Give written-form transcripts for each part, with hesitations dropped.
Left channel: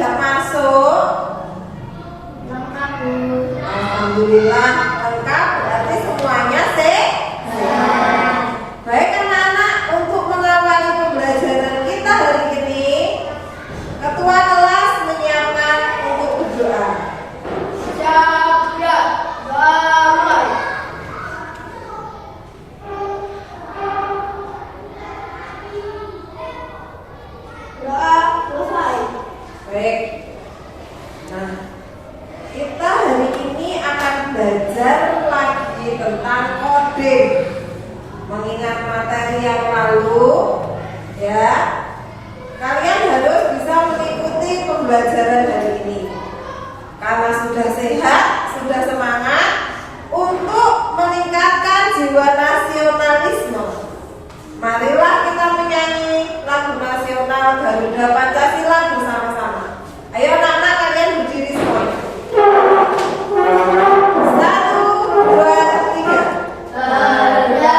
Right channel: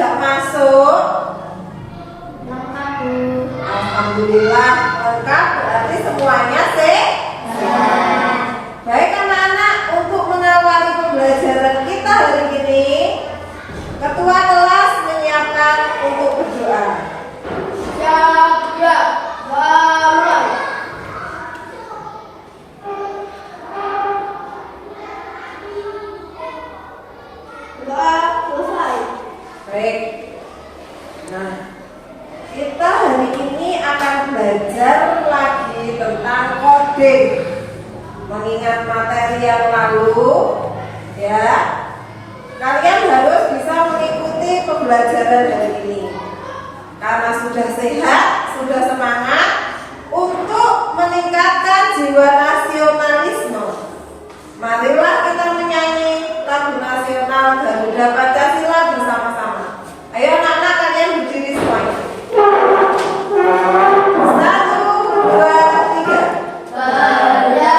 tidak masuk? Lengkap. Alhamdulillah lengkap, berarti semuanya sehat. Baik anak-anak, untuk mengawali pembelajaran kita hari ini, Ketua kelas menyiapkan untuk berdoa. Jaga damai. Doa selesai. Baik. Nah, kita hari ini akan belajar lagi tentang coding. Mengingat materi yang lalu, ya, kalian harus bisa mengikuti pembelajaran hari ini. Karena sudah sehat, sudah semangat untuk meningkatkan jiwa nasionalisme. Marilah kita menyanyi lagu nasional Garuda Pancasila bersama-sama. Ayo anak-anak, kalian berdiri semuanya. 1, 2, 3. Garuda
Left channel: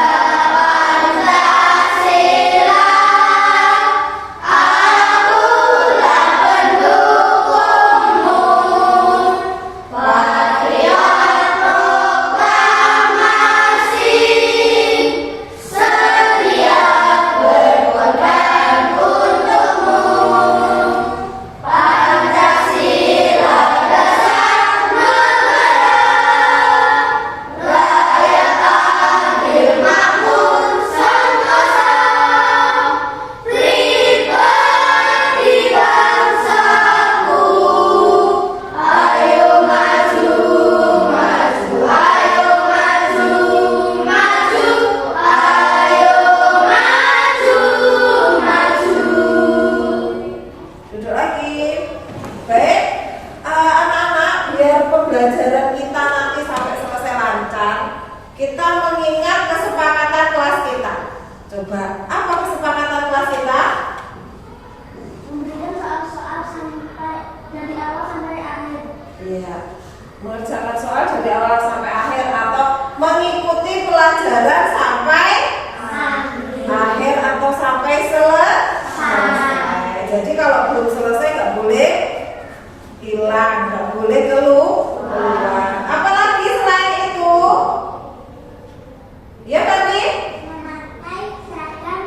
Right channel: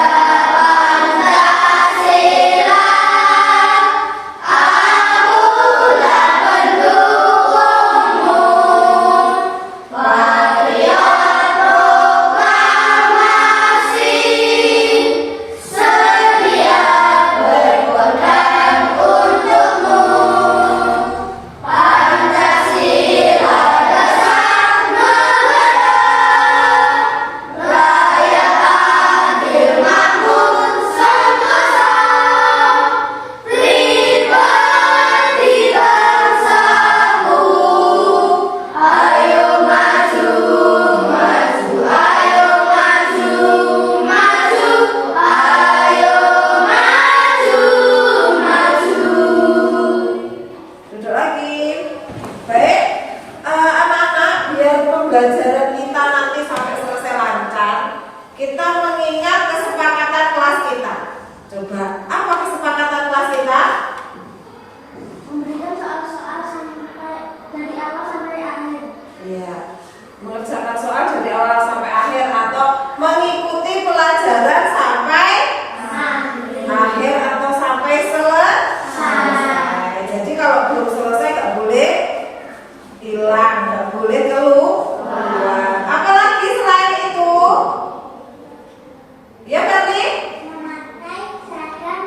Pancasila, akulah pendukungmu. Patriot proklamasi, sedia berkorban untukmu. Pancasila dasar negara, rakyat adil makmur sentosa, pribadi bangsaku. Ayo maju, maju, ayo maju, maju, ayo maju, maju. Duduk lagi. Baik, anak-anak, biar pembelajaran kita nanti sampai selesai lancar, kita mengingat kesepakatan kelas kita. Coba, apa kesepakatan kelas kita? Memberikan soal-soal sampai dari awal sampai akhir. Iya, mengerjakan soal dari awal sampai akhir atau mengikuti pelajaran sampai akhir atau sampai selesai. Jadi kalau belum selesai nggak boleh hilang, nggak boleh keluar. Apalagi selain itu, ya berarti Memakai seragam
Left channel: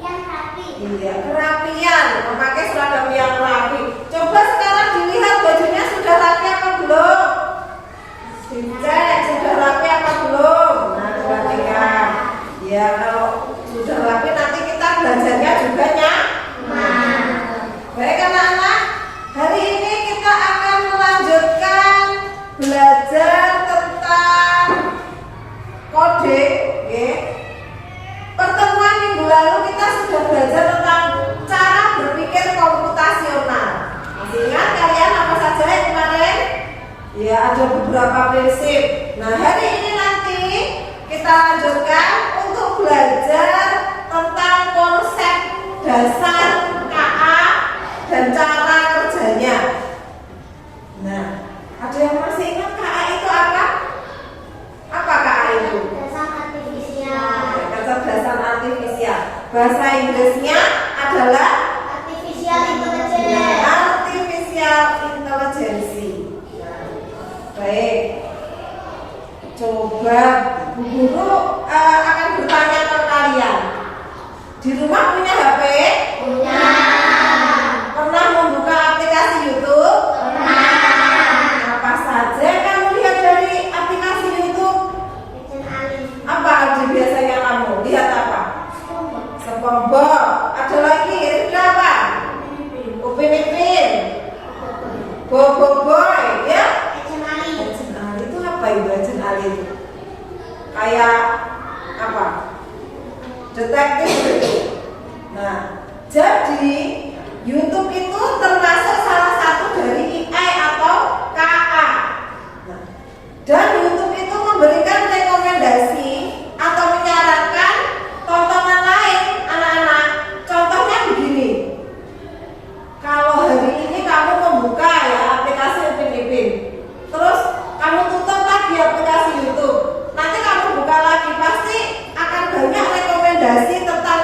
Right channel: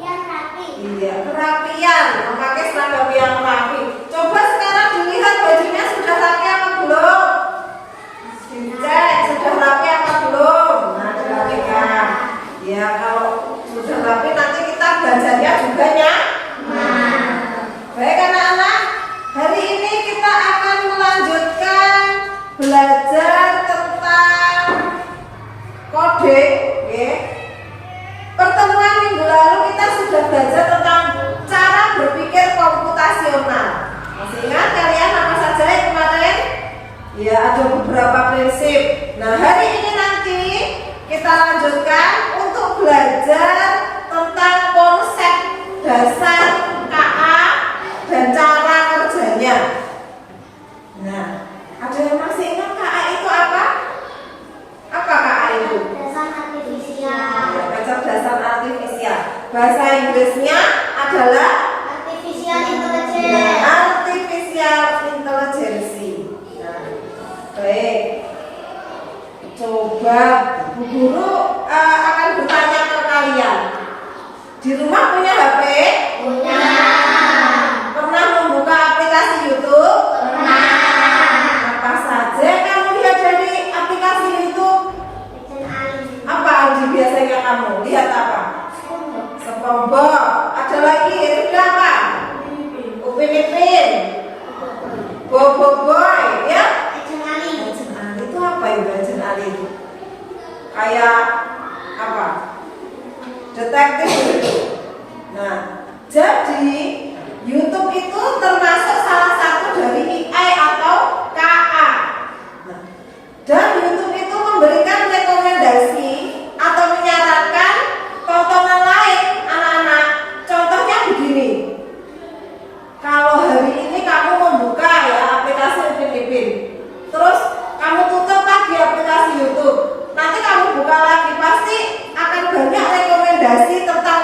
yang rapi. iya kerapian, memakai seragam yang rapi. Coba sekarang dilihat bajunya sudah rapi apa belum? Dicek sudah rapi apa belum? Nah perhatikan. Ya kalau sudah rapi nanti kita belajarnya juga nyaman. Baik anak-anak, hari ini kita akan melanjutkan belajar tentang coding. Ya. Pertemuan minggu lalu kita sudah belajar tentang cara berpikir komputasional. Masih ingat kalian apa saja yang kemarin? Ya ada beberapa prinsip. Nah hari ini nanti kita lanjutkan untuk belajar tentang konsep dasar KA dan cara kerjanya. Nah, ada yang masih ingat KA itu apa? Apa KA itu? Dasar artifisial. Kecerdasan artifisial. Bahasa Inggrisnya adalah Artificial intelligence. artificial intelligence. Baik. Coba Bu Guru akan bertanya ke kalian. Di rumah punya HP? Punya. Pernah membuka aplikasi YouTube? Pernah. Apa saja yang kamu lihat dari aplikasi YouTube? Legend Ali. Apa biasanya kamu lihat apa? SpongeBob. Ada lagi itu apa? Upin Ipin. Bobo Boy, ya? Legend Ali. Legend Ali itu apa ya Legend Ali? Kayak apa? Detektif gitu. Nah, jadi YouTube itu termasuk salah satu dari AI atau KA. Nah, dan YouTube itu memberikan rekomendasi atau menyarankan tontonan lain anak-anak. Contohnya begini. Kalau hari ini kamu membuka ya aplikasi Upin Ipin, terus kamu tutup lagi aplikasi YouTube, nanti kamu buka lagi pasti akan banyak rekomendasi tentang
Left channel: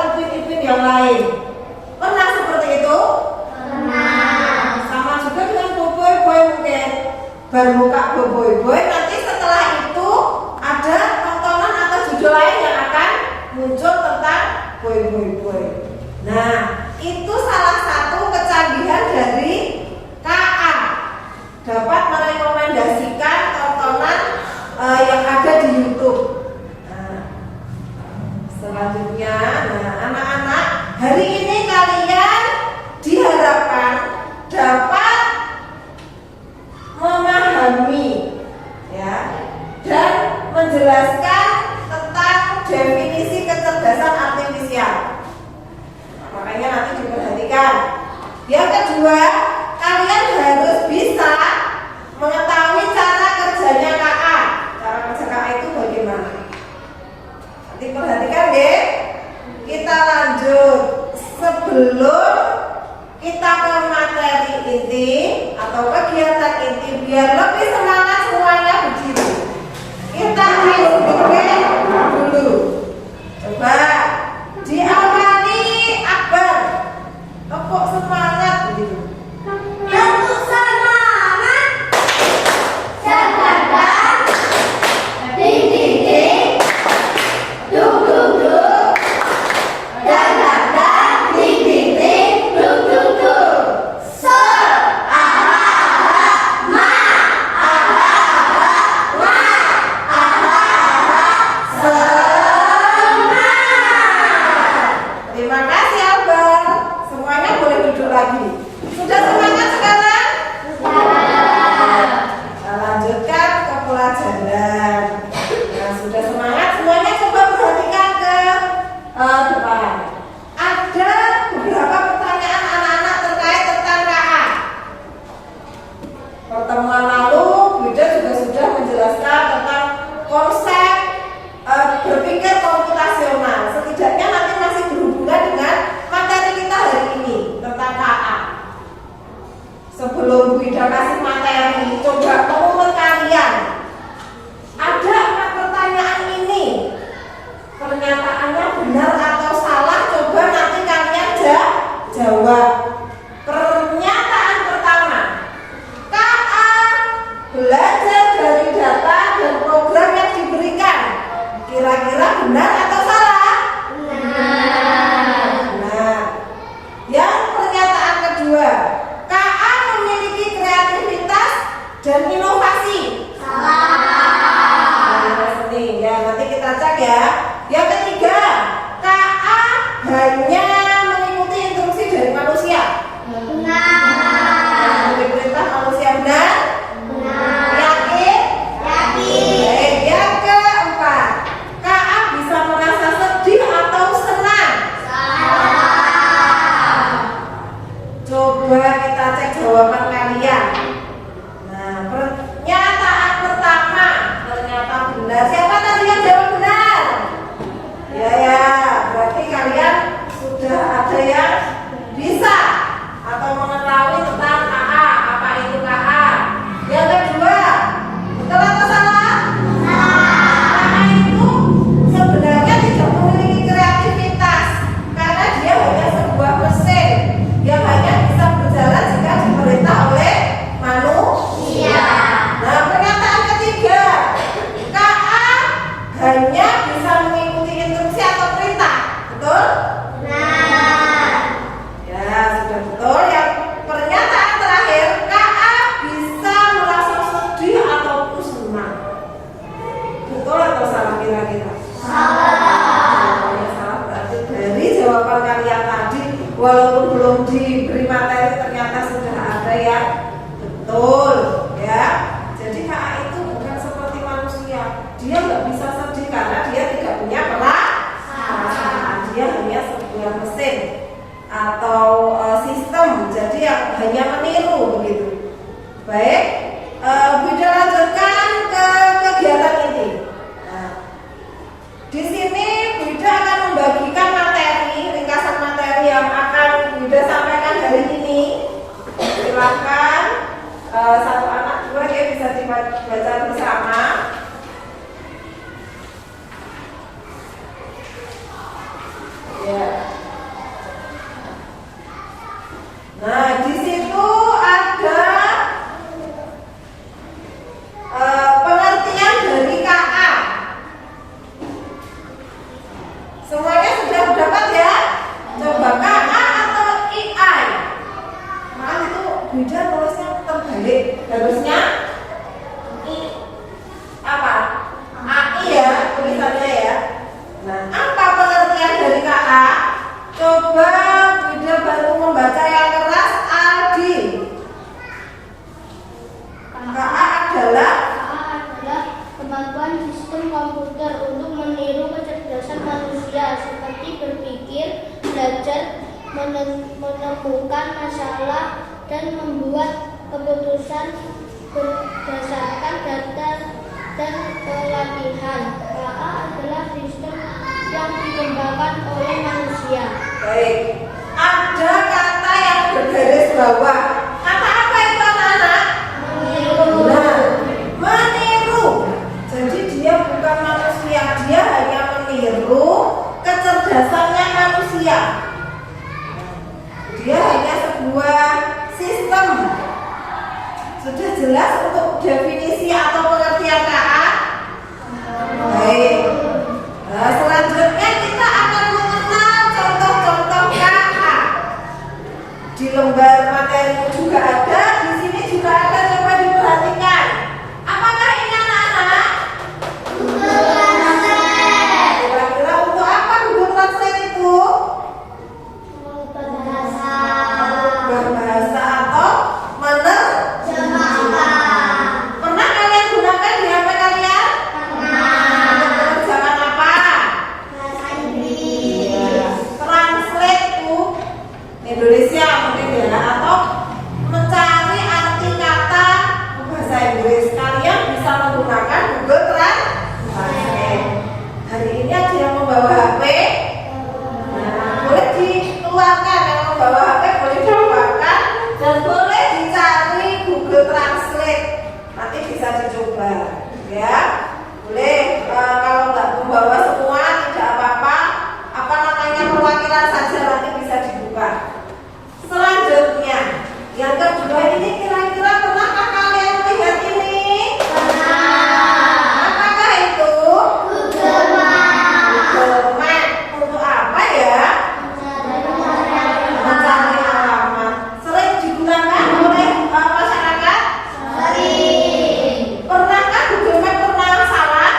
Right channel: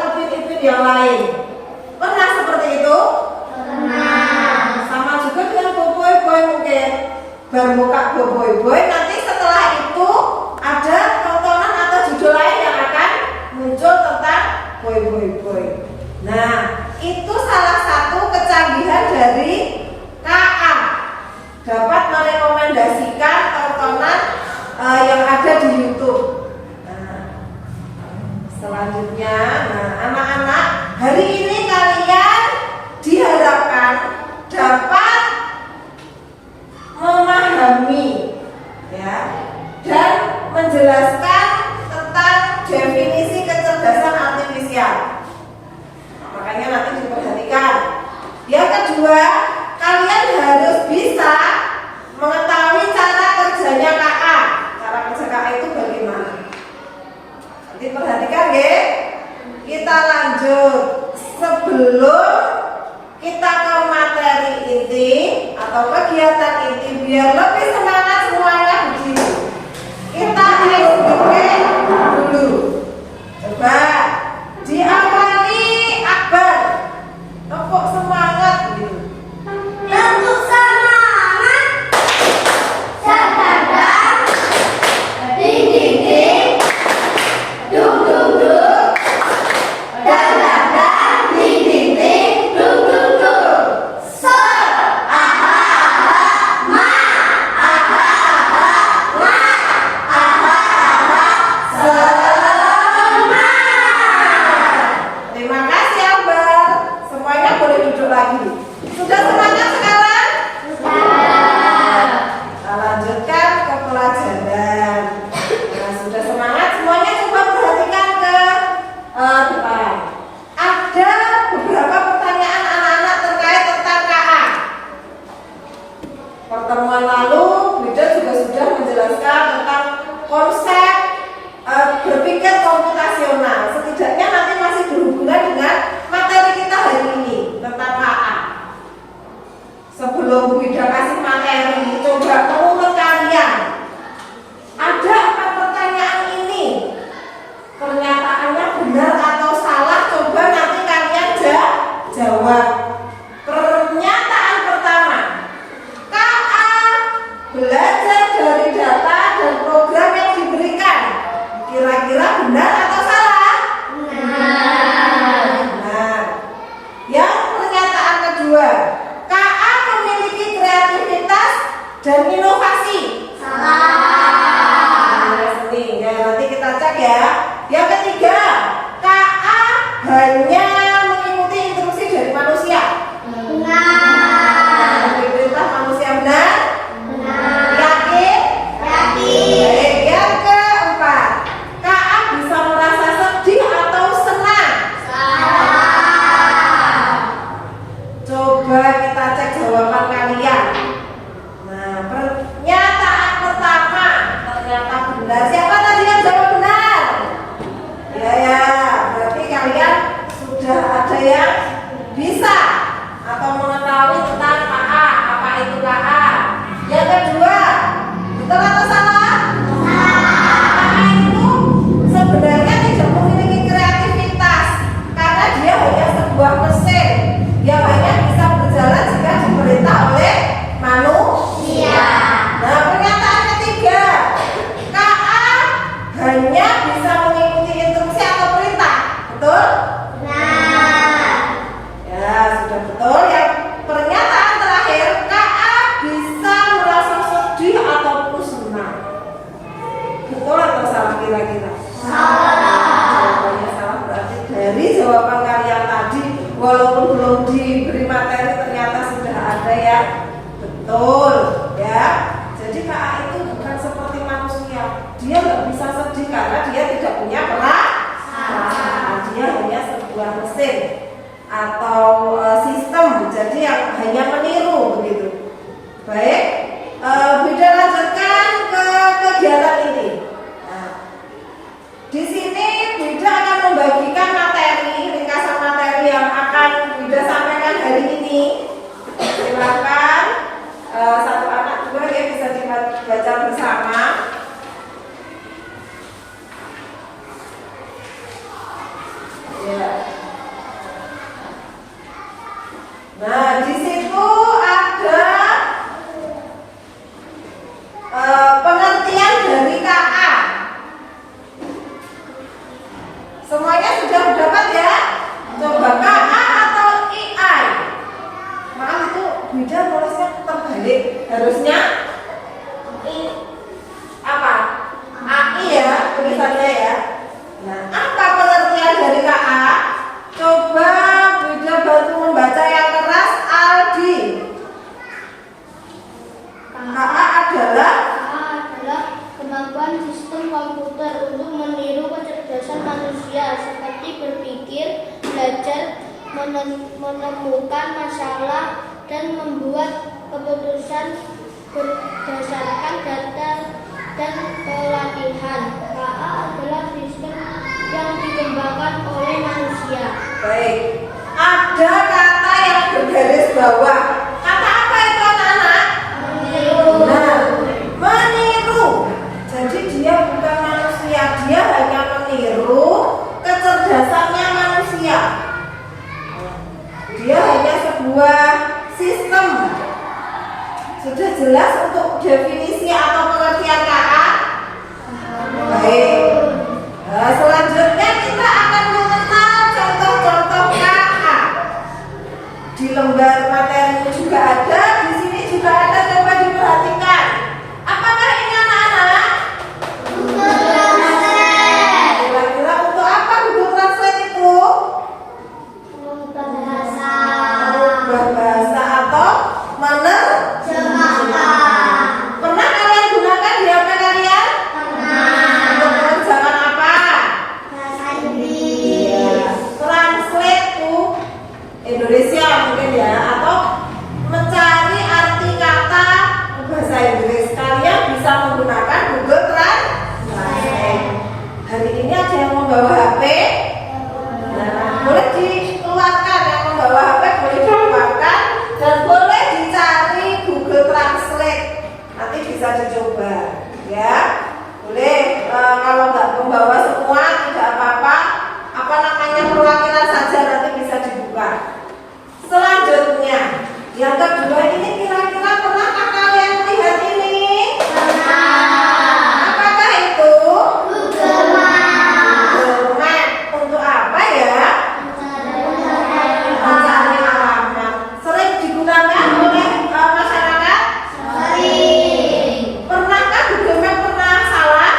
bermuka boy boy, nanti setelah itu ada tontonan atau judul lain yang akan muncul tentang boy boy boy. Nah, itu salah satu kecanggihan dari KA, dapat merekomendasikan tontonan yang ada di YouTube. Nah, selanjutnya, anak-anak, hari ini kalian diharapkan dapat memahami, ya, dan menjelaskan tentang definisi kecerdasan artifisial. Makanya nanti diperhatikan. Yang kedua, kalian harus bisa mengetahui cara kerjanya KA. Cara kerja KA itu bagaimana? Nanti perhatikan deh. Kita lanjut. Sebelum kita ke materi inti atau kegiatan inti, biar lebih semangat semuanya begini. Kita icebreaking dulu. Coba diawali Akbar. Tepuk semangat gitu. Tepuk semangat. Jaga-jaga. Ding-ding-ding. Duk-duk-duk. Jaga-jaga. Ding-ding-ding. Duk-duk-duk. So, aha-aha. Ma, aha-aha. Ma, aha-aha. Semangat. Terima kasih Akbar. Semuanya boleh duduk lagi. Sudah semangat sekarang? Kita lanjutkan ke pelajaran. Nah, sudah semangat semuanya, coba perhatikan ke depan. Ada beberapa pertanyaan anak-anak terkait tentang KA. Pertemuan lalu Bida juga sudah menjelaskan tentang konsep berpikir komputasional. Setidaknya nanti masih berhubungan dengan materi kita hari ini tentang KA. Sebelum Bu Ida kasih materi, coba menurut kalian ada 4 pertanyaan ini, pernyataannya benar atau salah? Coba nanti kalian jawab. Pernyataan pertama, KA belajar dari data dan program yang diberikan. Kira-kira benar atau salah? Benar. Yang pernyataan kedua, KA memiliki kreativitas dan inovasi. Salah. Ya, nanti kita cek ya. Yang ketiga, KA hanya mengikuti instruksi dari manusia. Benar. Perintah manusia benar? Benar. Yakin? Yakin. Baik. Yang keempat, KA bisa merasa sedih atau senang. Salah. Coba kita cek jawaban kalian. Nah, pernyataan pertama ternyata benar. Siapa tadi yang jawab benar? Ya, berarti kalian sudah ada yang bisa atau mengetahui tentang KA. Apa itu KA? Yang kedua, betul atau salah? KA itu sebenarnya tidak memiliki kreativitas karena dia hanya sebuah mesin yang hanya bisa berjalan jika diperintah oleh manusia. Nah, pernyataan ketiga, KA hanya bisa mengikuti instruksi atau perintah. Betul? Benar. Ya, sudah betul. Yang pernyataan terakhir, KA bisa merasa sedih ataupun senang. Betul atau salah kira-kira? Jawabannya salah. Berarti dari jawaban kalian tadi, walaupun belum diberi materi, ternyata sudah ada yang betul, ya. Jadi KA itu bukan seperti manusia. Dia nggak bisa sedih karena dia tidak punya perasaan. Dia hanya sebuah mesin atau sistem. Jadi yang hanya meniru begitu. Baik, Bida lanjutkan ke kegiatan ini. Nah, di sini Bida akan membagikan materi, ringkasan materi yang akan Bida sampaikan hari ini. Silakan satu anak dua ya bisa dibaca bersama. Ya. Nah, di situ ada Jadi harusnya apa? AI ya tulisannya ya. Nah, apa pengertian dari KA? Coba Wida bantu membaca yang keras, Aldi. KA adalah kemampuan sistem komputer untuk meniru kecerdasan manusia seperti berpikir, belajar, menemukan masalah, dan membuat keputusan berdasarkan data dan pelatihan. KA adalah sistem yang dikembangkan oleh manusia. Baik, ada kata yang bergaris bawah. Kata apa itu anak-anak? Nah, meniru. Jadi dia bukan manusia, dia hanya meniru kecerdasannya manusia. Dia hanya sebuah sistem. Sudah jelas untuk definisi atau pengertian KA? Baik. Nah, selanjutnya kita akan mengenal contoh-contoh KA. Di lembar materi juga ada, di sini juga ada. Coba diperhatikan. Apakah ini anak-anak? Kira-kira untuk apa Google Translate itu? Berbahasa atau menerjemahkan. Pernah kalian gunakan di HP kalian? Untuk menerjemahkan apa? Translate to Indonesia mungkin ya, atau mencari arti kata bahasa Inggris. Kalian bisa menggunakan Google Translate. Hari ini ada yang membawa HP? Nah, boleh dikeluarkan. Yang membawa HP boleh dikeluarkan dan boleh dicari Google Translate. Nanti bisa dicoba, ya. Boleh. Kalau nggak membawa semua tidak apa-apa. Apa namanya, perwakilan saja nanti bisa dibuka. Selanjutnya, yang kedua ini kira-kira pernahkah kalian melihat ini? Apakah itu? Google Map. Untuk apa ya? Mencari alamat. Sering digunakan oleh masyarakat? Pernahkah Google Map pernah salah?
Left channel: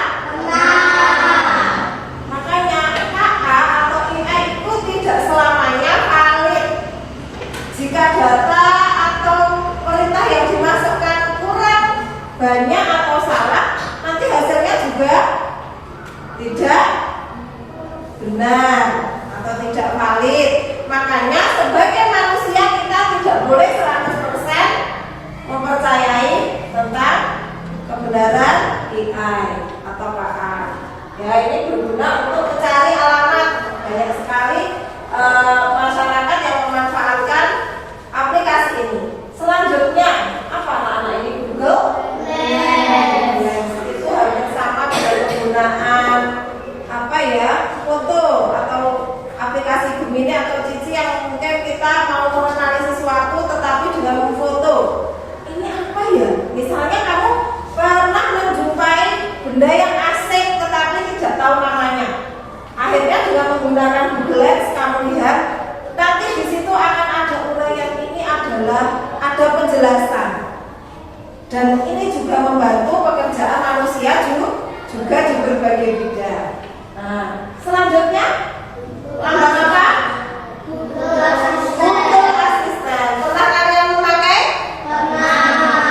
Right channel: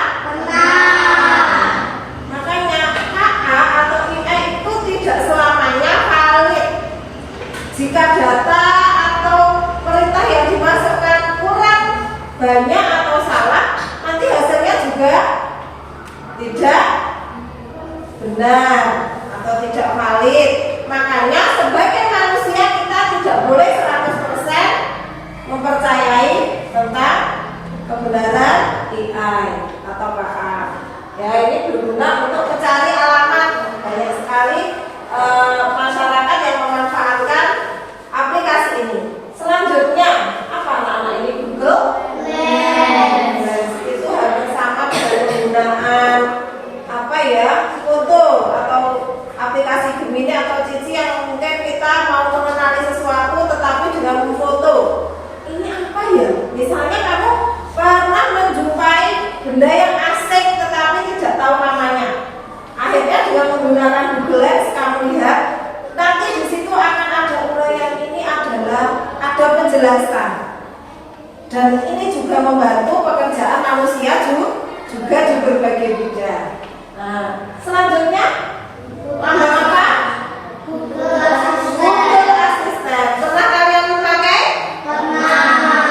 Makanya KA atau AI itu tidak selamanya valid. Jika data atau perintah yang dimasukkan kurang banyak atau salah, nanti hasilnya juga tidak benar atau tidak valid. Makanya sebagai manusia kita tidak boleh 100% mempercayai tentang kebenaran AI atau KA. Ya, ini berguna untuk mencari alamat. Banyak sekali masyarakat yang memanfaatkan aplikasi ini. Selanjutnya, apa anak-anak ini? Google Lens. Itu hanya sama dengan penggunaan apa ya, foto atau aplikasi Gemini atau Cici yang mungkin kita mau mengenali sesuatu tetapi dengan memfoto. Ini apa ya? Misalnya kamu pernah menjumpai benda yang asing tetapi tidak tahu namanya. Akhirnya dengan menggunakan Google Lens kamu lihat, nanti di situ akan ada uraian, ini adalah ada penjelasan. Dan ini juga membantu pekerjaan manusia juga di berbagai bidang. Nah, selanjutnya tambah apa? Google Assistant. Pernah kalian memakai?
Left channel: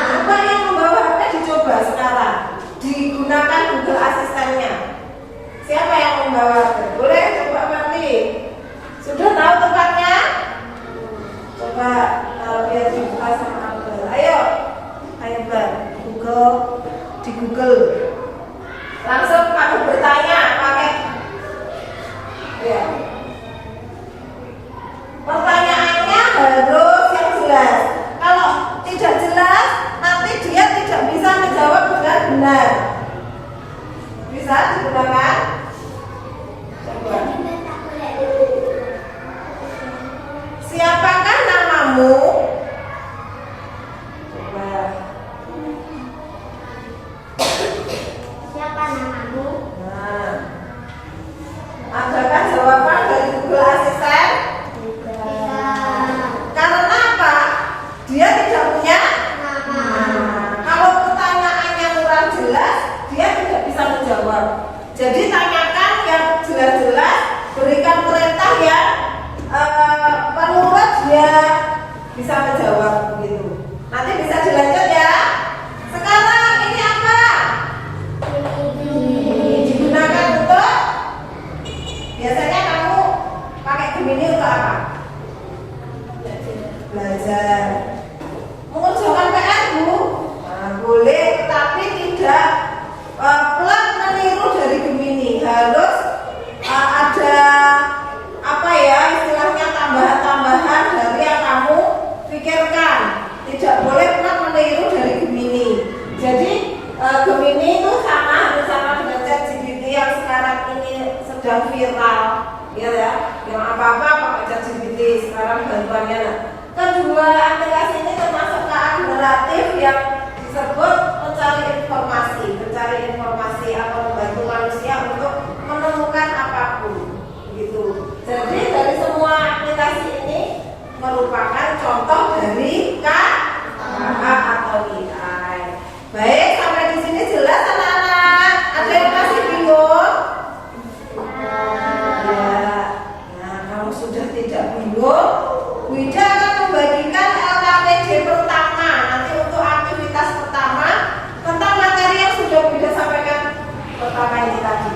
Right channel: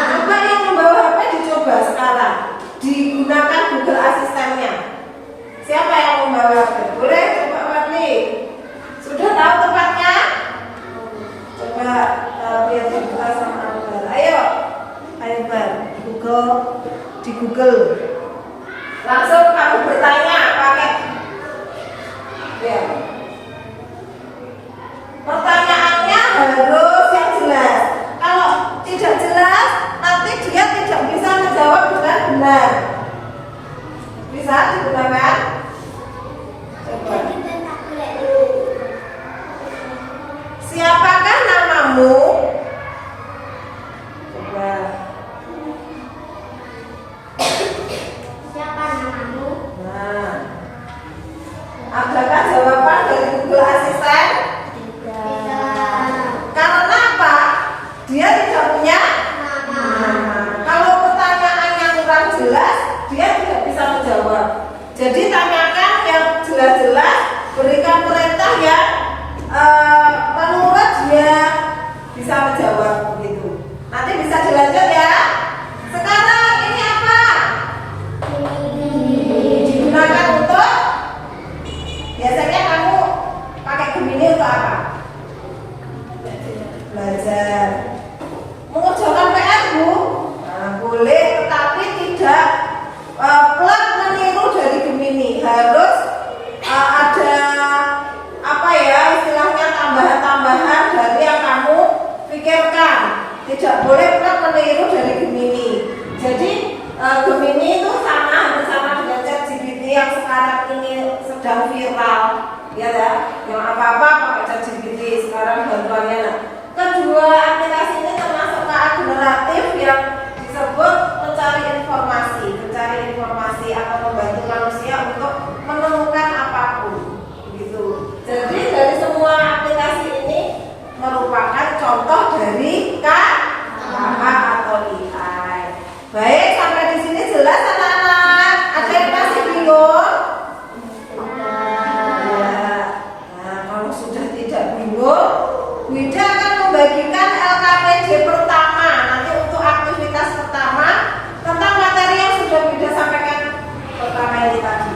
Coba yang membawa HP dicoba sekarang. Digunakan Google Assistant-nya. Siapa yang membawa HP? Boleh coba Marli. Sudah tahu tempatnya? Coba lihat dibuka sama Abel. Ayo Bar, di Google. Langsung kamu bertanya pakai. Ya. Pertanyaannya harus yang jelas. Kalau tidak jelas, nanti dia tidak bisa menjawab dengan benar. Bisa digunakan? Coba. Siapakah namamu? Coba. Siapa namamu? Nah, adakah jawaban dari Google Assistant? Tidak. Karena apa? Dia tidak punya Nama. meniru dari Gemini. Jadi Gemini itu hampir sama dengan ChatGPT yang sekarang ini sedang viral, ya. Yang apa-apa pakai ChatGPT sekarang bantuannya. Kedua aplikasi ini termasuk KA generatif yang disebut mencari informasi atau membantu manusia untuk menemukan apapun, gitu. Jadi dari semua aplikasi ini merupakan contoh dari KA atau AI. Baik, sampai di sini jelas anak-anak? Ada yang masih bingung? Ya. Nah, kalau sudah tidak bingung, Wida akan membagikan LKPD pertama. Nanti untuk aktivitas pertama tentang materi yang sudah Wida sampaikan pertama ini tadi.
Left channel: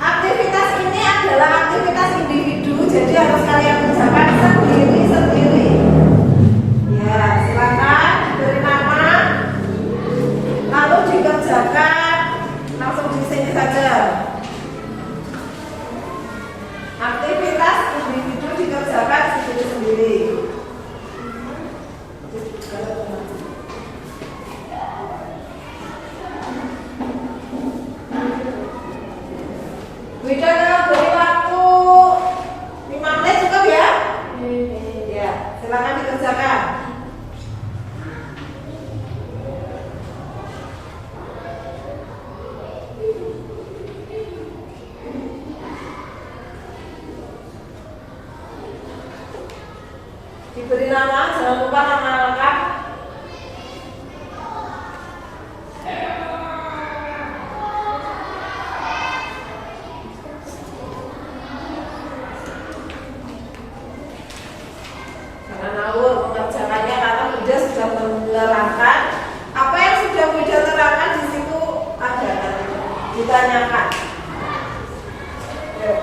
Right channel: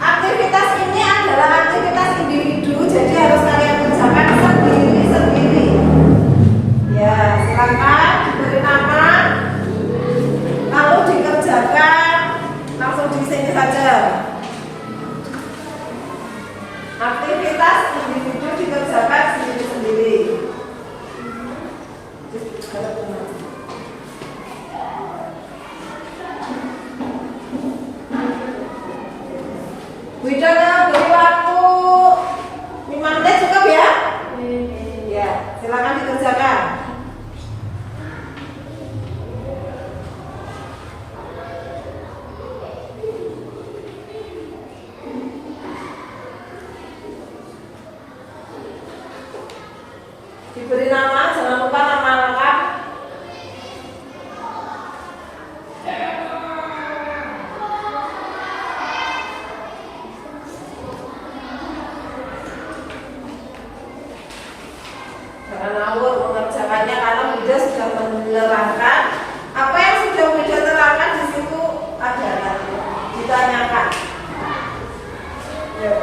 Aktivitas ini adalah aktivitas individu, jadi harus kalian kerjakan sendiri-sendiri. Ya, silakan diberi nama, lalu dikerjakan langsung di sini saja. Aktivitas individu dikerjakan sendiri-sendiri. Wida beri waktu 5 menit cukup ya? Ya, silakan dikerjakan. Diberi nama, jangan lupa nama lengkap. Jangan ngawur mengerjakannya karena Wida sudah menerangkan apa yang sudah Wida terangkan di situ ada nanti ditanyakan. Yuk.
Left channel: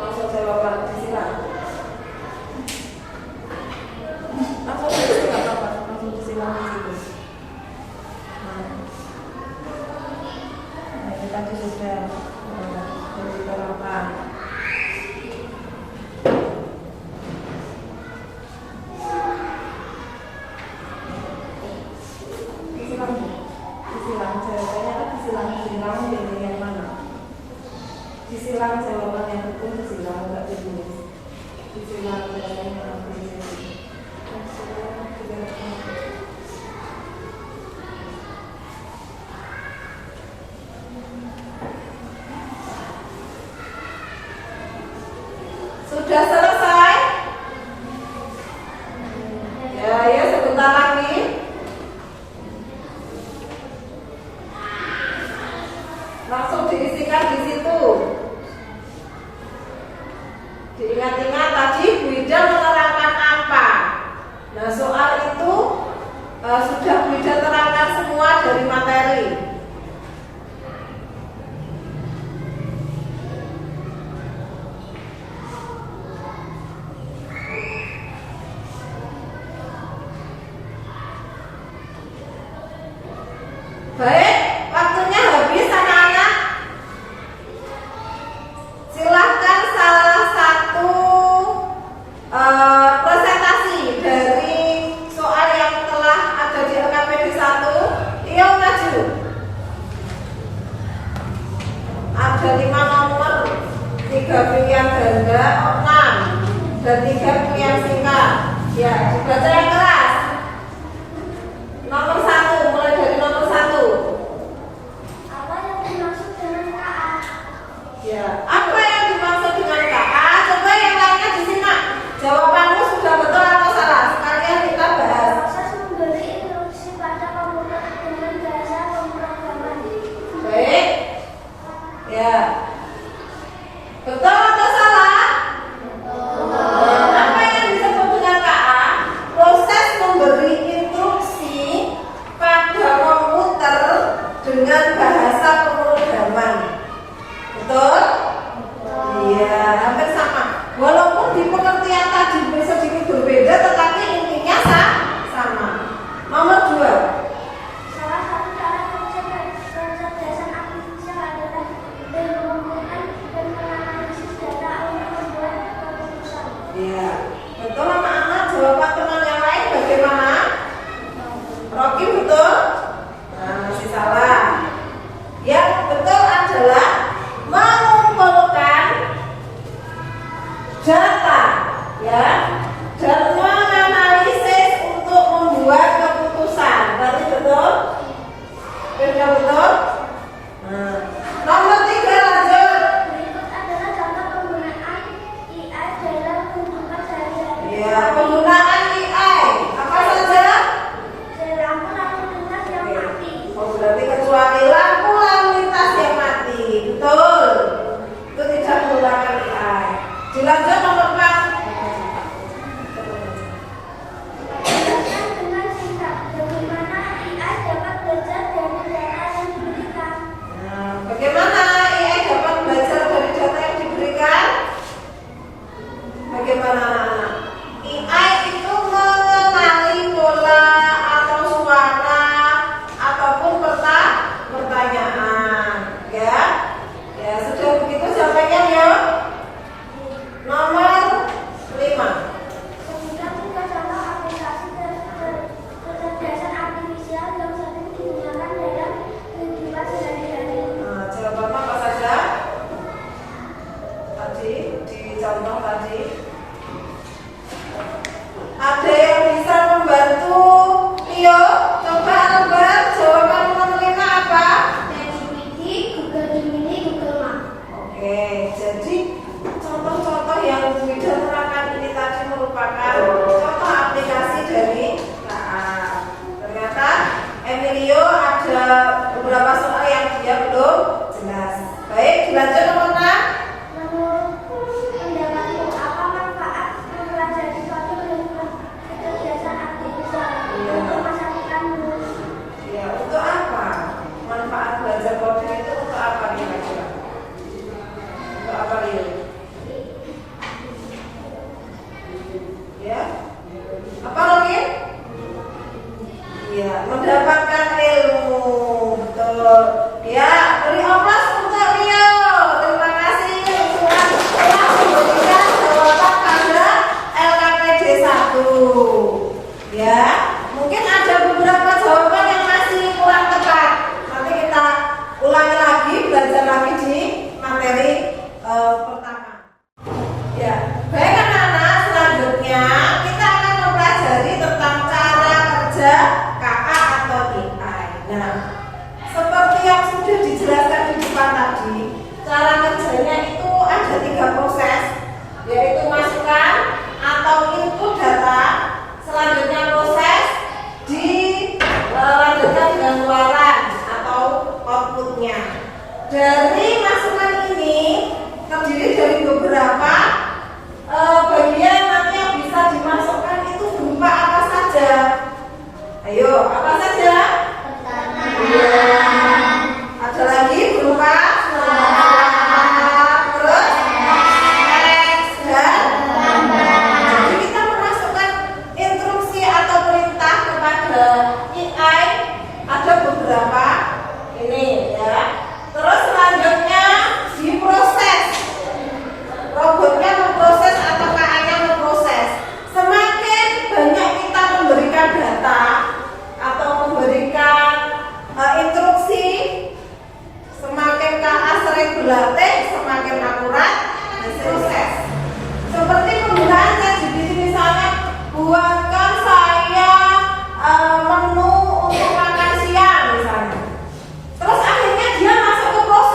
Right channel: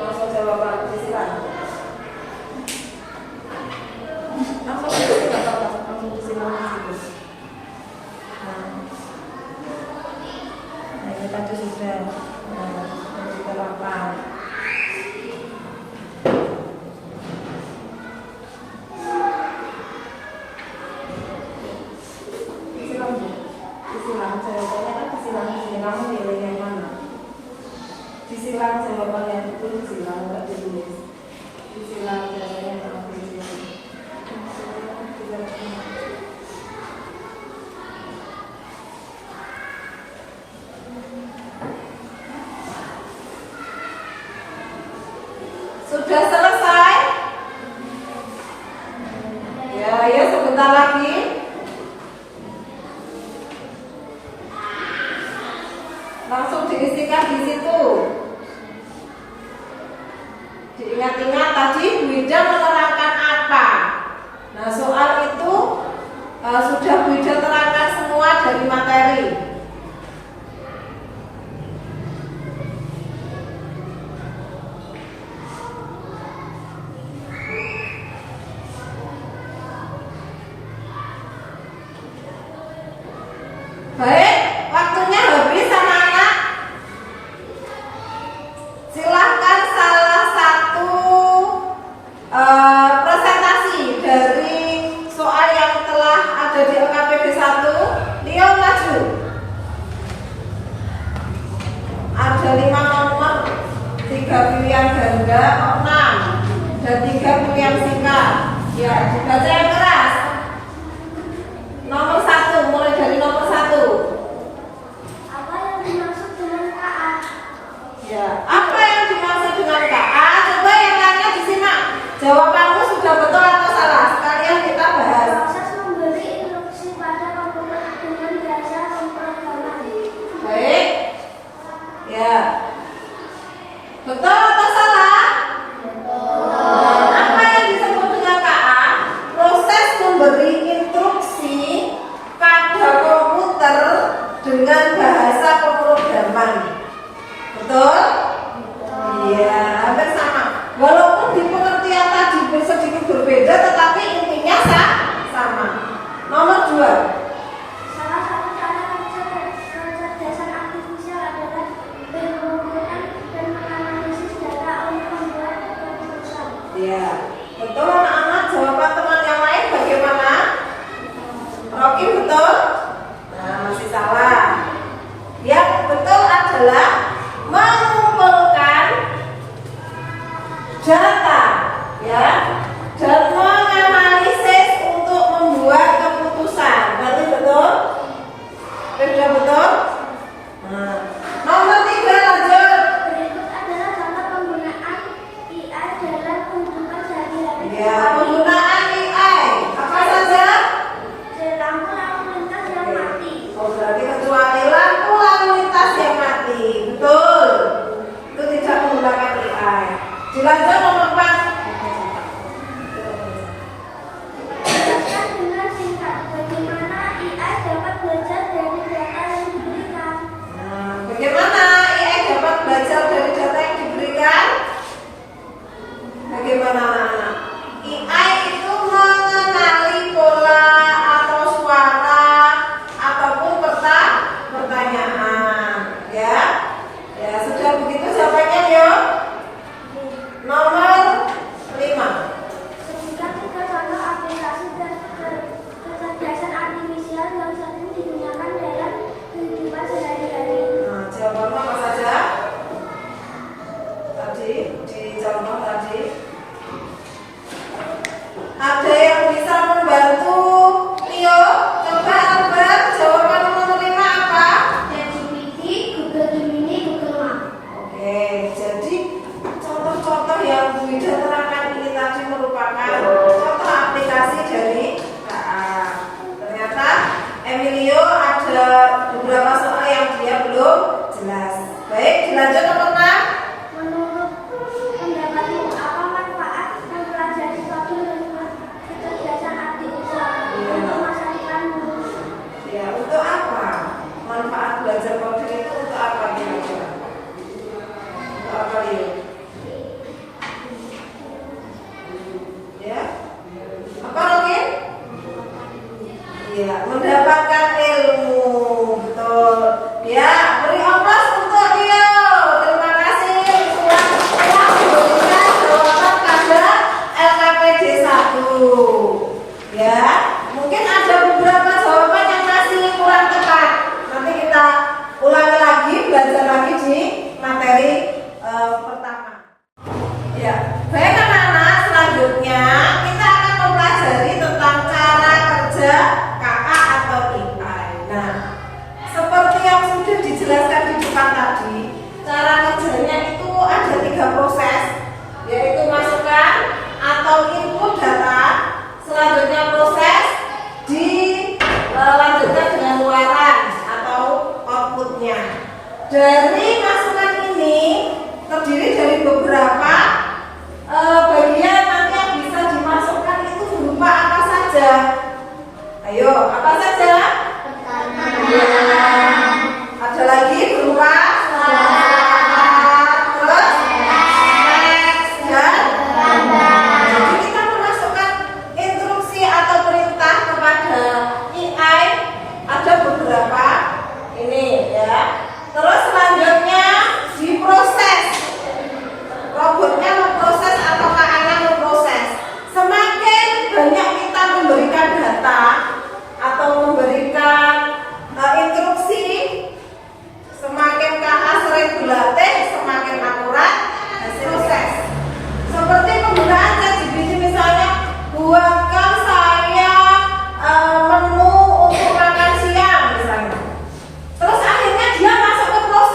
Langsung jawab disilang. Langsung disilang. Nah, ini tadi sudah diterangkan. Disilang jawabannya kan disilang pilih yang mana? Disilang jawabannya itu disilang nggak ditulis. Disilang jawabannya yang pilih. Sudah selesai? Ya, sebentar lagi. Langsung diisikan di situ. Diingat-ingat tadi Wida menerangkan apa. Nah, soal itu sudah Wida terangkan semua dari materi. Baik, waktunya habis anak-anak. Silahkan salah satu presentasi dari soal yang telah ada di LKPD 1. Leo maju. Ada 5 nomor, 3 pilihan ganda, 6 dan 3 pilihan singkat. Ya, dibaca yang keras. Nomor 1, mulai dari nomor 1. Apa yang dimaksud dengan KA? Ya, apa yang dimaksud dengan KA? Coba yang lainnya disimak. Jawabanmu sudah betul atau salah? Sekalian kita bahas. Proses memberi instruksi pada komputer dengan bahasa pemrograman. Baik. Ya. Betul atau salah? Apa yang disebut dengan KA? Proses bagaimana? Rocky betul? Nah, masih salah. Yang betul adalah mengumpulkan data, ya, dan menganalisis untuk membuat keputusan. Berarti betul? Sudah betul? Nah, nomor 3 lanjut. Berikut adalah contoh penggunaan AI dalam kehidupan sehari-hari. Ya, penggunaan AI apa saja? Lampu lintas yang mati. Oh, berarti kecuali lampu lalu lintas yang mati. Betul. Itu tidak menggunakan AI. Dilanjut nomor 4. Jelaskan dengan singkat bagaimana AI dapat belajar dari data yang diberikan. Nah, bagaimana AI dapat belajar dari data yang diberikan? Bagaimana anak-anak? AI itu mengenali pola atau suara ataupun pertanyaan, ya. Ya, sudah begitu jawabannya, yuk. Nomor 5. Sebutkan 3 contoh aplikasi kecerdasan artifisial yang sering digunakan dalam kehidupan sehari-hari. Nah, jawabannya apa saja? Tadi di contoh tadi ada yang bisa membantu Leo. Coba Albert, jawaban nomor 5 apa? ChatGPT, Google Gemini, Google Map. Oke, jadi contoh-contoh yang Bu Ida terangkan ini tadi merupakan contoh aplikasi dari KA. Ternyata Emilio ada beberapa soal yang dia belum jelas. Baik, dilanjut nomor 6. Menurut pendapatmu, apa manfaat mempelajari suatu ilmu kecerdasan artifisial untuk masyarakat Indonesia? Ya, untuk apa? Manfaat belajar coding itu untuk apa kira-kira? Untuk apa dia? Ya? Apa Rokin? Iya, mendapatkan ilmu. Betul. Ya, beri aplaus untuk Rio. Terima kasih telah memberikan jawaban pada LKPD 1. Ya, mungkin ada beberapa jawaban yang masih kurang tepat. Nanti kita ulangi lagi, belajar lagi di materi pertama. Ya, baik anak-anak, selanjutnya kita akan mempelajari tentang cara kerja kakak atau AI. Nah, seperti yang sudah dijelaskan di depan tadi, cara kerjanya itu ada 3 proses, yaitu masukkan atau input data, selanjutnya proses, dilanjutkan dengan keluaran atau outputnya. Dari masukan ini terdiri dari beberapa bagian nanti yang bisa dimasukkan itu berupa apa saja? Ayo, apa saja? Ada lagi berupa terus teks dan gambar. Jadi kita memasukkan instruksi atau perintah kepada AI ada beberapa ini, ya. Terus selanjutnya diproses. Robotnya memproses atau AI-nya memproses. Semakin banyak kita memberikan data atau memberikan instruksi, semakin KA sering berlatih, semakin akurat hasil proses. Seperti penggunaan ChatGPT misalnya, buatkan saya menu untuk makan siang misalnya. Terus akhirnya dia masuk ke proses.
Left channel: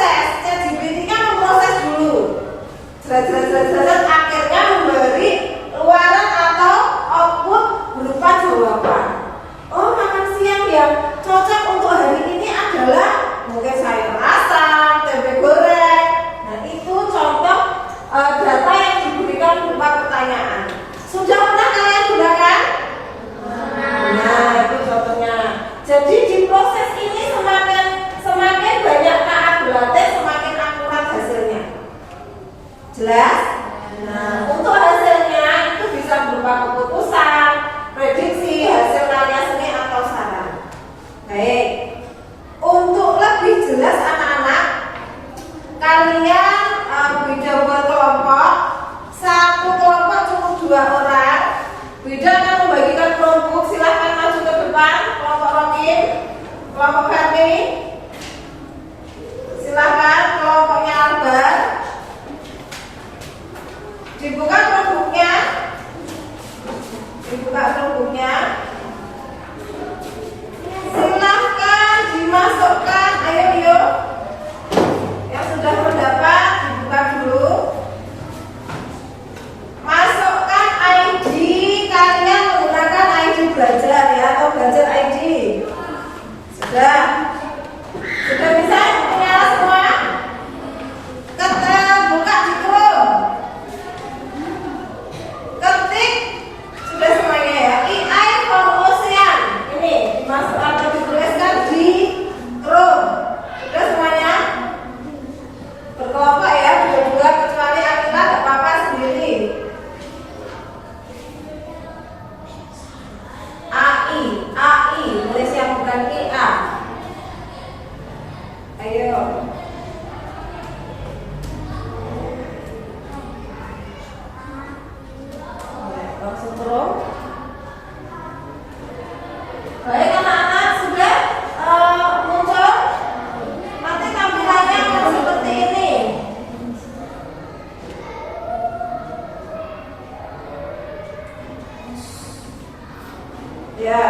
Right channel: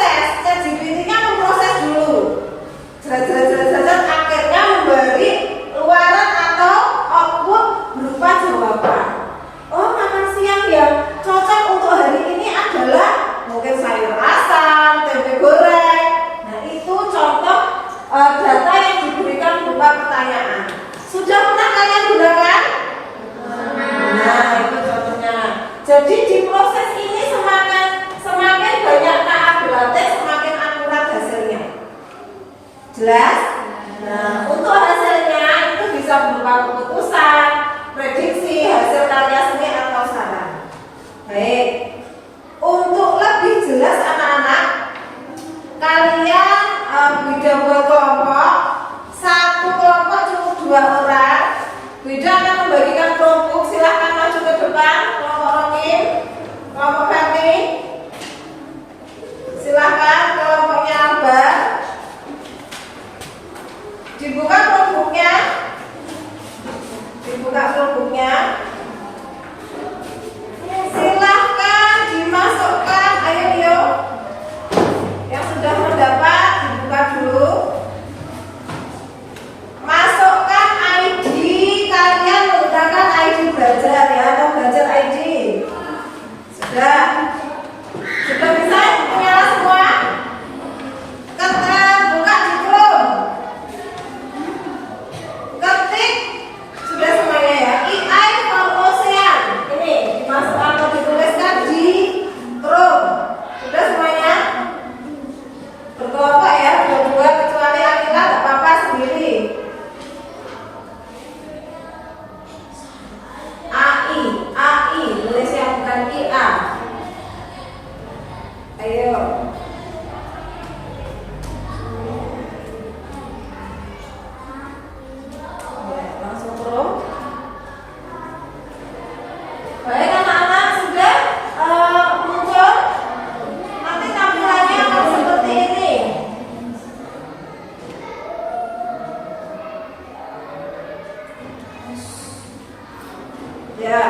Ya.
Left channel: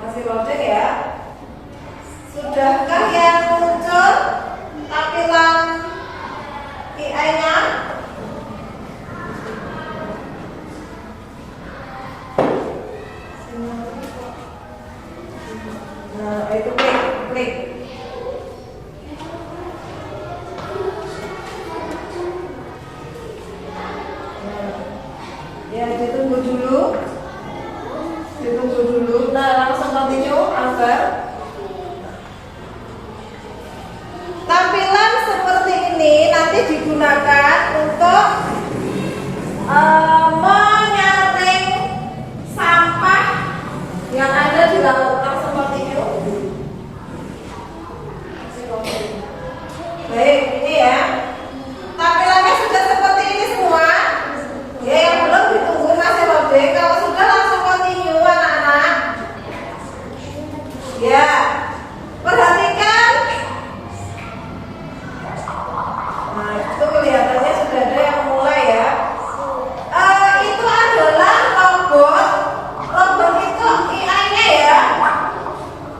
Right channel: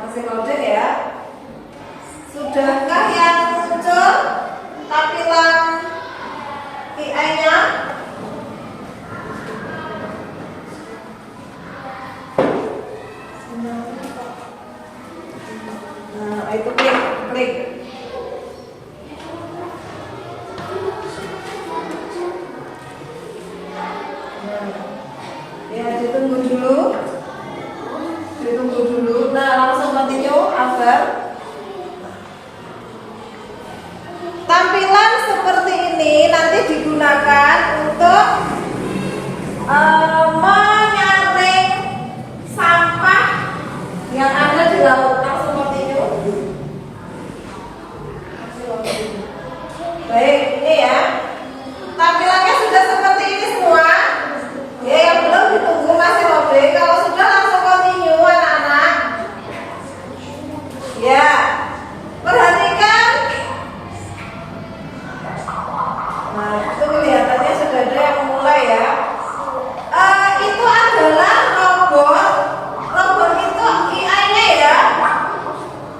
Masih loading ya. Sudahkah yang muncul tampilan AI-nya? Nah, itu klik. Ya, ditunggu dulu. Nah, langsung continue agar tampilan seperti ini nanti digunakan untuk menyaring sampah yang ada di laut. Langsung continue. Baik, ini ya. Tampilannya sudah seperti ini semua. Ya, yang belum ditunggu masih loading. Kalau sudah langsung continue anak-anak. Ya, perhatikan. Nah, itu kelihatannya sudah ada yang mulai ya. Itu adalah robot. Robot itu AI-nya ya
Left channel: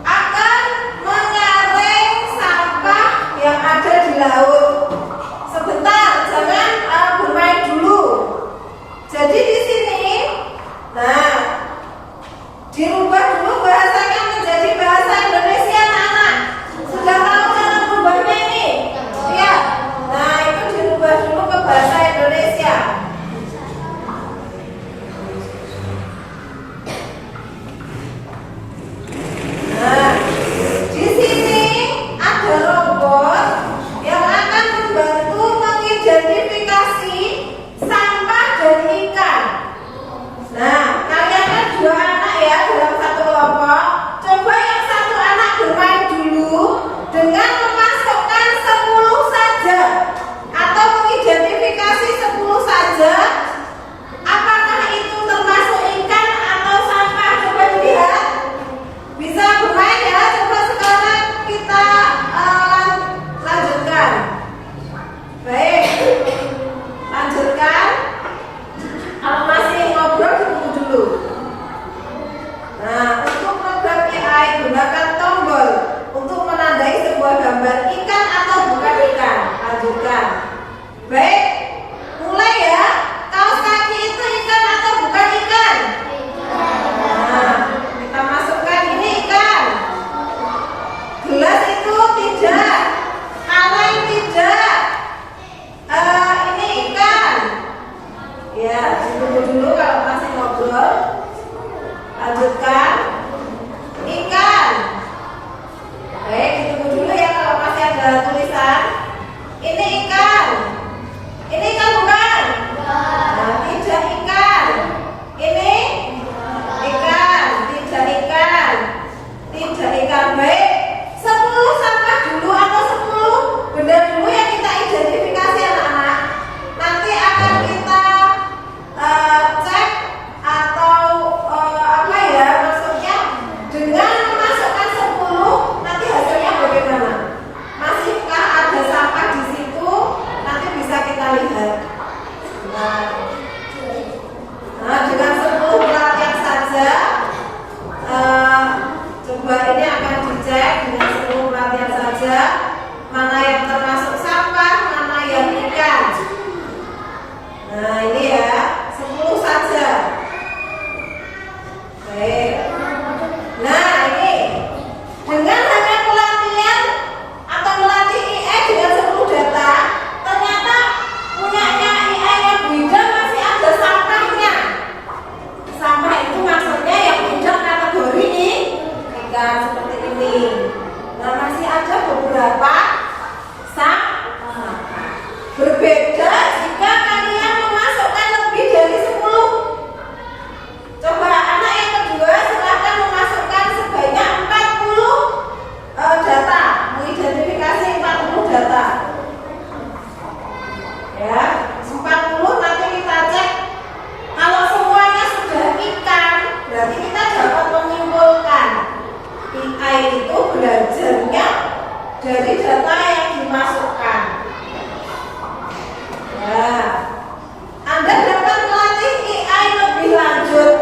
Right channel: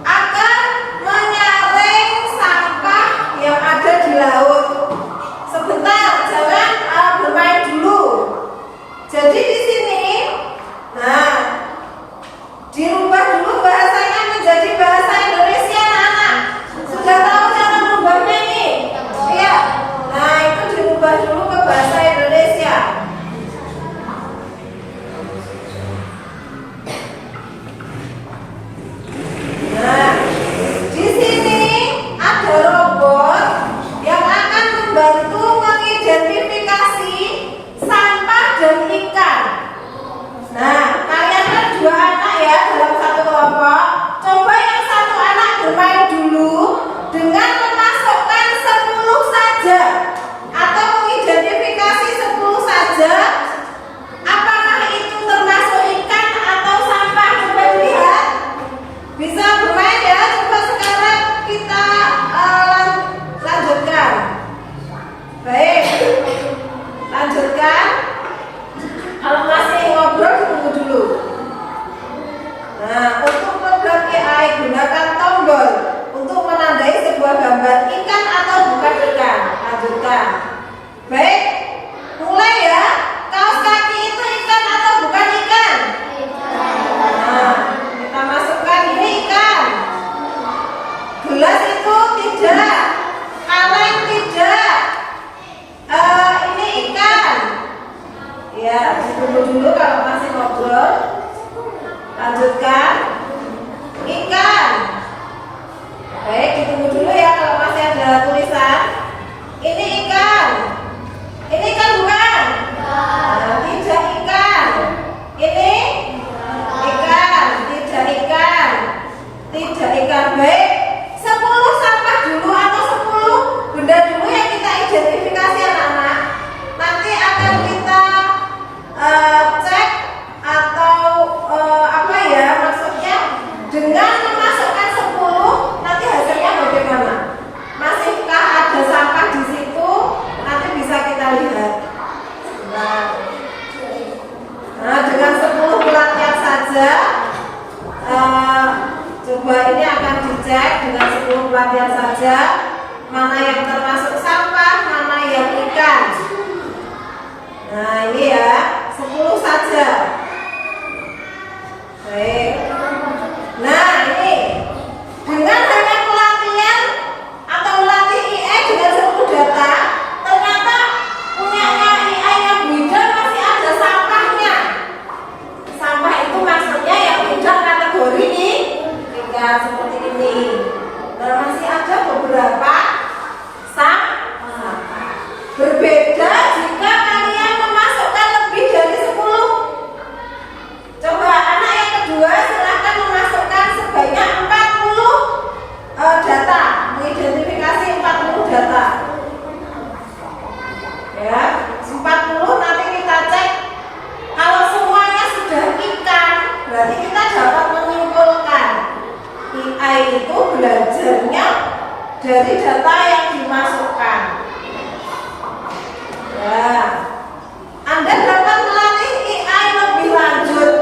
akan menyaring sampah yang ada di laut. Sebentar, jangan bermain dulu. Jadi di sini, nah, dirubah dulu bahasanya menjadi bahasa Indonesia, anak-anak. Sudah tahu cara merubahnya ini? Iya. Nah, itu dirubah dulu ke bahasa Indonesia. Nah, di sini ada robot yang akan membantu mengidentifikasi sampah dan ikan. Nah, kalian kan 2 anak ya dalam satu kelompok. Coba yang satu anak bermain dulu dengan memasukkan 10 saja atau mengidentifikasi 10 saja. Apakah itu termasuk ikan atau sampah? Coba dilihat. Bisa bermain ya. Coba sekarang kita lanjutkan. Baik, lanjutkan. Kalau masih ngobrol ditunggu dulu. Nah, untuk program AI gunakan tombol untuk menandai sebuah gambar ikan atau bukan ikan. Lanjutkan. Baik, mulai ya. Kaos kaki itu ikan atau bukan ikan? Nah, kita masukkan ini ikan. Gelas itu tidak. Kaleng tidak. Ini ikan. Ya, ditunggu dulu kalau masih ngobrol. Lanjutkan. Ikan. Baik, ditunggu dulu ya kalau masih ada tulisan. Ini ikan. Ini ikan bukan? Nah, tidak ikan. Ini ikan. Tidak ikan. Tidak ikan. Baik, 10 sampah dulu atau 10 benda dulu yang kita identifikasi anak-anak. Nanti akan kita cek atau apa ya maksudnya, dengan memasukkan 10 nanti hasilnya bagaimana? Masihkah ada sampah di situ? Nanti bisa kita lihat. Nah, dengan 10 pelatihan saja, coba ini akan dicek dengan 10 pelatihan saja mana yang termasuk sampah, mana yang ikan. Nah, ini ya, 10 saja. Baik. Nah, ini dengan hanya pelatihan atau melatih AI dengan 10 data, ternyata punya AI yang beda masih ada sampahnya. Sampah itu maksudnya yang tidak kategori ikan seperti ini. Nah, masih ada beberapa sampah. Berbeda jika kalian memasukkan lebih dari 10. Coba anak yang kedua silahkan memasukkan sebanyak 40 data, mengidentifikasi 40 data. Ya, 40 nanti kita cek. Kalau semuanya sudah ikan, berarti kita dapat menyimpulkan AI itu belajarnya dari data yang dimasukkan. Ya, Anda dapat melatih AI lebih lanjut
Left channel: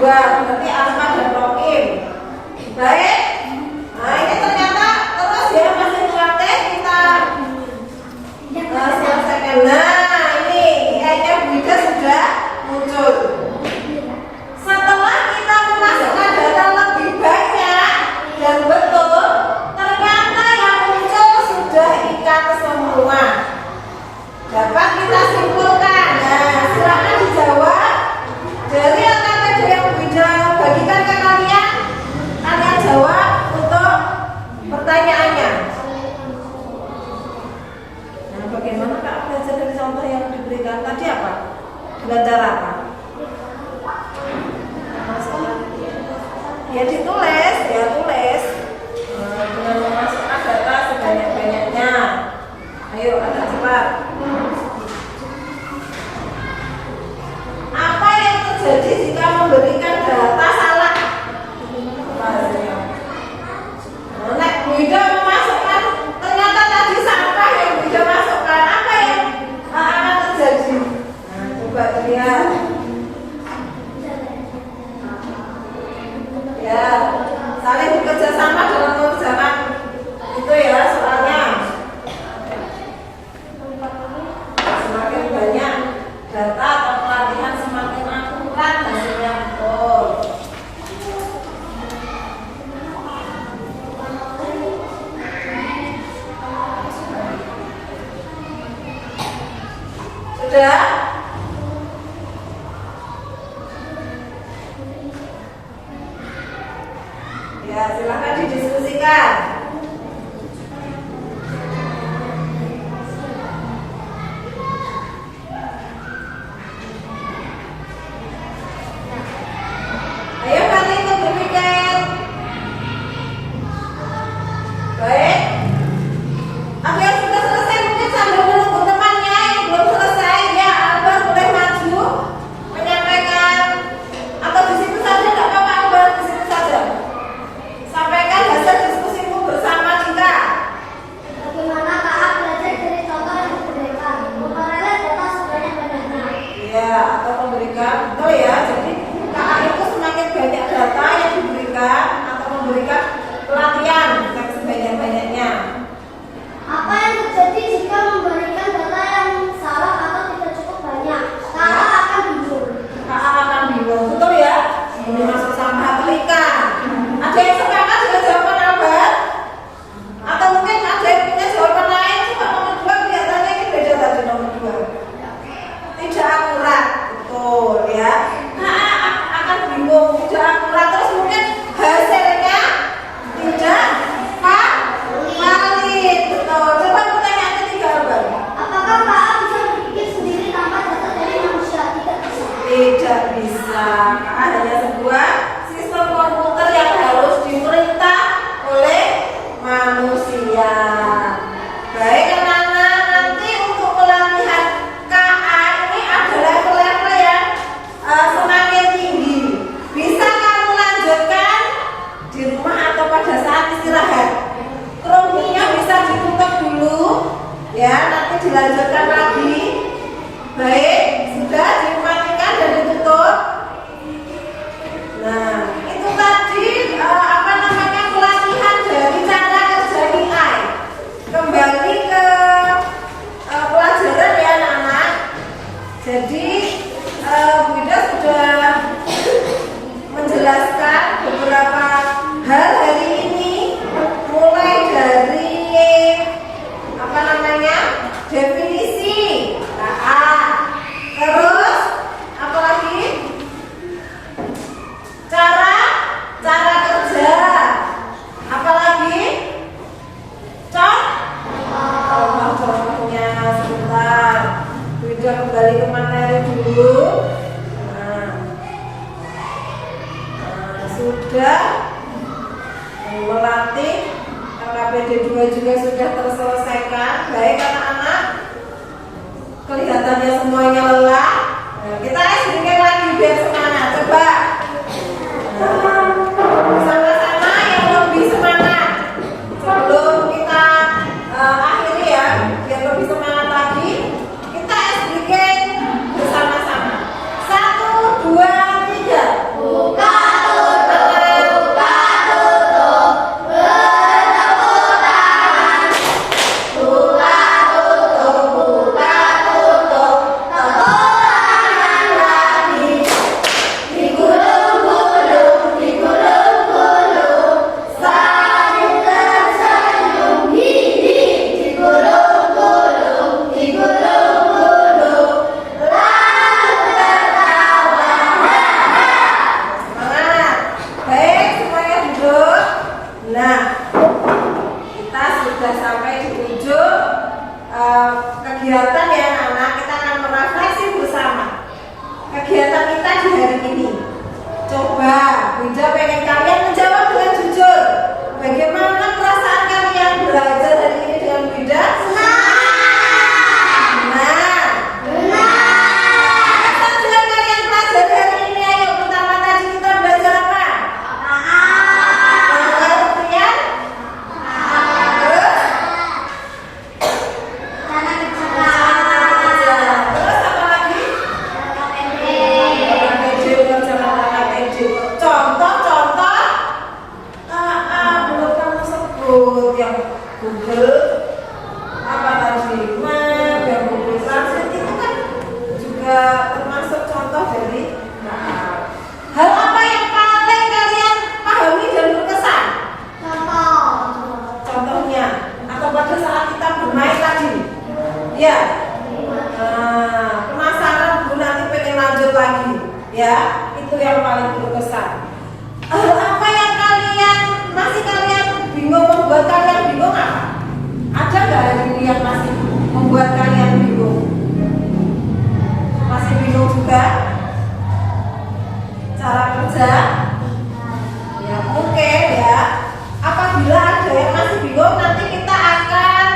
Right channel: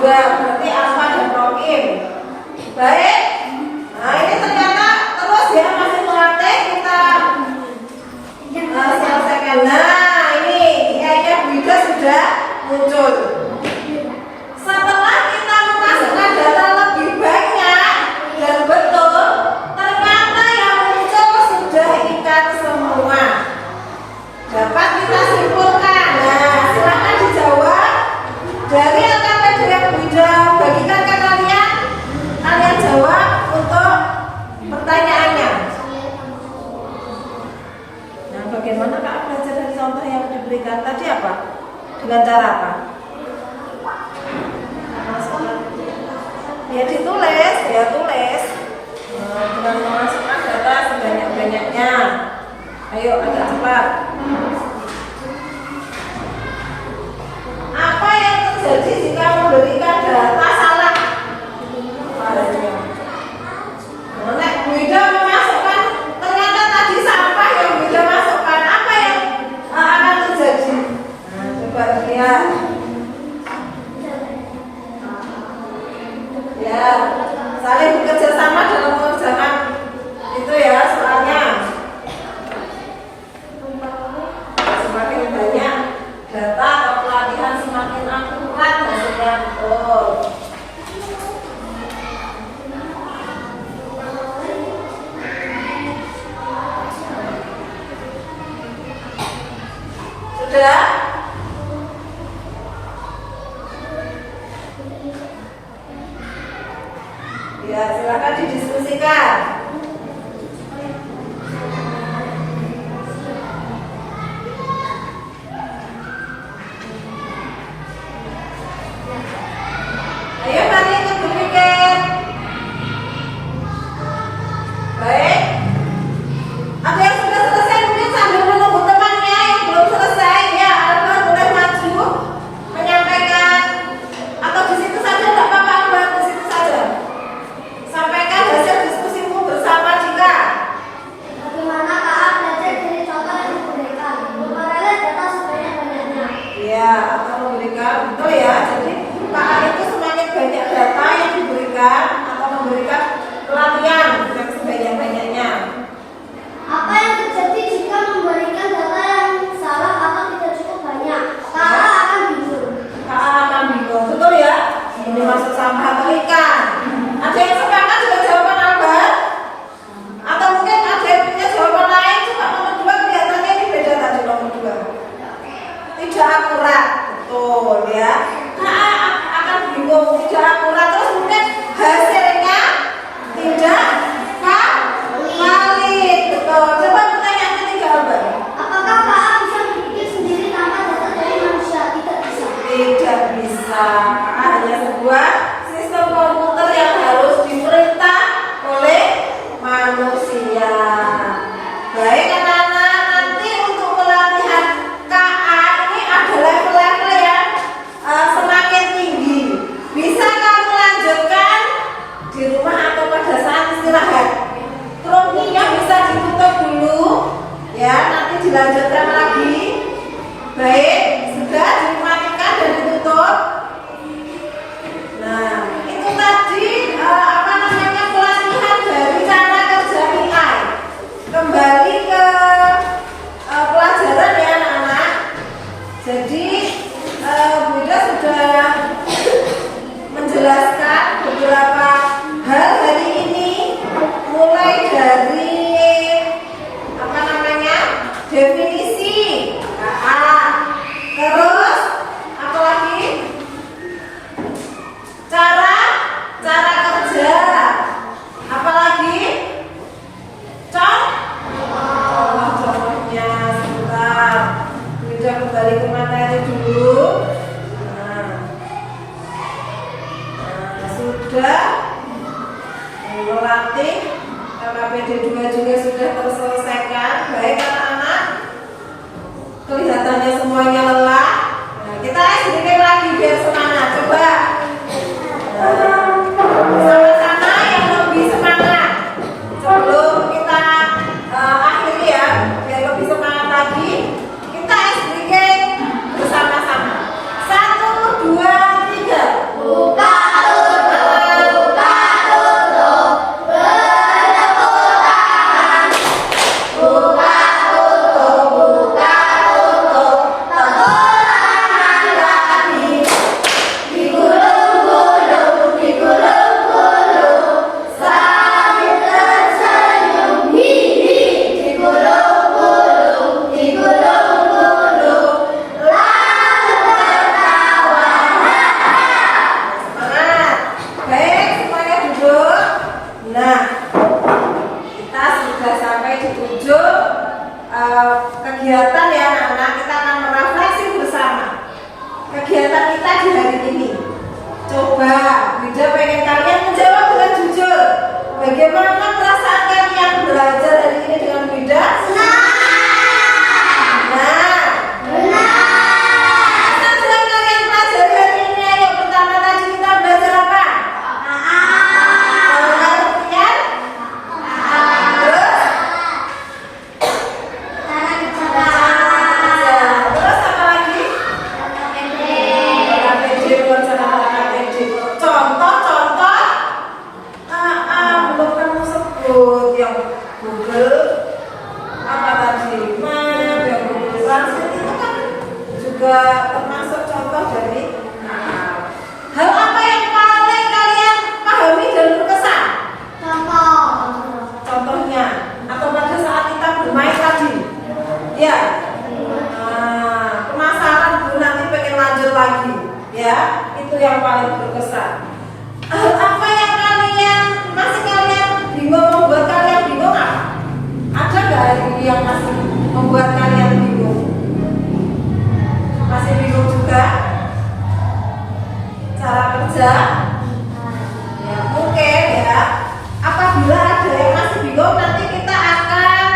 dua, berarti Asma dan Rokim. Baik. Nah ini ternyata terus ya masih melatih kita selesaikan. Nah ini kayaknya Wida sudah muncul. Setelah kita memasukkan data lebih banyak dan betul, ternyata yang muncul sudah ikan semua. Dapat kita simpulkan. Nah silakan dijawab dari LKPD yang Wida bagikan ke kalian. Kalian jawab untuk pertanyaannya. Nah, bagaimana Kak belajar dari contoh yang diberikan tadi apa? Dengan cara apa? Masukkan. Ya ditulis, ya tulis. Dengan memasukkan data sebanyak-banyaknya. Ayo agak cepat. Apa yang terjadi jika memberikan data salah? Nah, Wida memasukkan, ternyata tadi sampah yang Wida masukkan, apa yang akan terjadi? Nah, coba lihat. Ya, saling bekerja sama dalam mengerjakan itu ya soalnya. Semakin banyak data atau pelatihan semakin akurat hasilnya betul. Sudah? Ya, silakan didiskusikan. Ayo kalian ikut berpikir. Baik. Ada yang sudah selesai mungkin sambil menunggu temannya yang belum selesai ya. Albar boleh maju menyampaikan atau di situ saja tidak apa-apa Albar, di situ saja. Sampaikan hasil diskusimu bersama juga. Bagaimana KA belajar dari contoh yang diberikan? Memperoleh data sebanyak-banyaknya. Iya, atau memberikan betul ya. Jadi KA itu semakin banyak data yang diberikan atau memberikan pelatihan bukan sebanyak-banyaknya. Apa yang terjadi jika memberikan data yang salah atau tidak cukup banyak? KA akan bingung. KA akan bingung, betul ya? Ini masuk sampah atau ikan? Ada yang sepakat dengan jawaban Albert? Atau mungkin ada yang punya jawaban lain? Coba nomor 2 kelihatannya ini beda tadi nomor 2. Tidak akurat, betul ya. KA akan bingung, tidak akurat, terus mungkin hasilnya tidak valid, betul. Coba pertanyaan ketiga Albert. Apakah KA bisa berpikir sendiri tanpa data dari manusia? Tidak bisa. Tidak bisa. Hanya sebuah sistem komputer yang harus diperintah oleh manusia. Baik anak-anak, nanti untuk pelatihan KA ini ada level-level yang semakin tinggi. Bisa kamu lanjutkan di rumah atau pada saat istirahat. Krominya bisa ditutup dulu, ya nanti dilanjutkan lagi. Baik, sudah dimatikan dan ditutup. Nah, itu tadi apa namanya pelatihan dari cara kerja AI. Kembali ke pelajaran ya anak-anak. Jadi Bunda sudah menjelaskan beberapa hal hari ini, mulai dari apa namanya definisi KA, terus apa lagi cara kerja, apa lagi contohnya sebentar. Sudah kembali ke materi dulu. Sudah melatih KPD 2 juga sudah terselesaikan. Baik anak-anak, kelihatannya semuanya lelah. Nah, kita sedikit lagi biar semangat. Coba sama-sama yang lebih semangat sebelum kita akhiri ya, biar lebih semangat lagi. Kita sedikit bersama-sama. 1, 2, 3. Nah, kita sudah sampai di ujung kegiatan ya anak-anak. Kita akan merefleksi bersama kegiatan kita di hari ini. Coba Bunda pengen kalian menjawab dengan jujur. Bagaimana perasaan kalian belajar hari ini dengan Bunda? Yang Google apa tadi Maya dan Google Translate itu kan juga termasuk contoh dari hal apa yang paling kalian pahami dan berkesan? Contohnya atau pada saat kita bermain tadi ya, penasaran Bu nanti pengen lanjut lagi ya, itu yang paling berkesan. Hal apa yang masih kalian bingung, membuat kalian bingung apa? Ada nggak hari ini yang masih membuat kalian bingung? Masih bingung juga? Cara kerja? Ya mungkin ya. Apabila ada yang masih bingung, nanti kita akan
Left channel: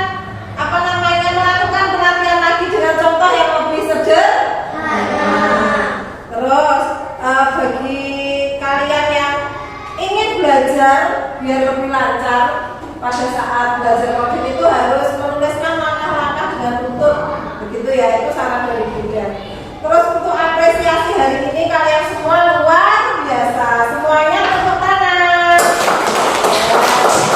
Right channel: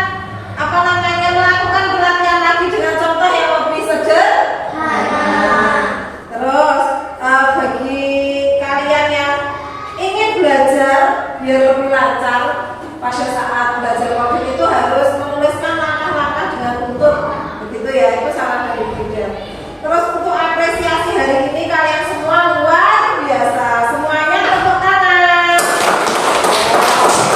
melakukan pelatihan lagi dengan contoh yang lebih sederhana. Terus bagi kalian yang ingin belajar biar lebih lancar, pada saat belajar coding itu harus menuliskan langkah-langkah dengan bentuk begitu ya, itu saran dari Bunda. Terus untuk apresiasi hari ini kalian semua luar biasa, semuanya tepuk tangan.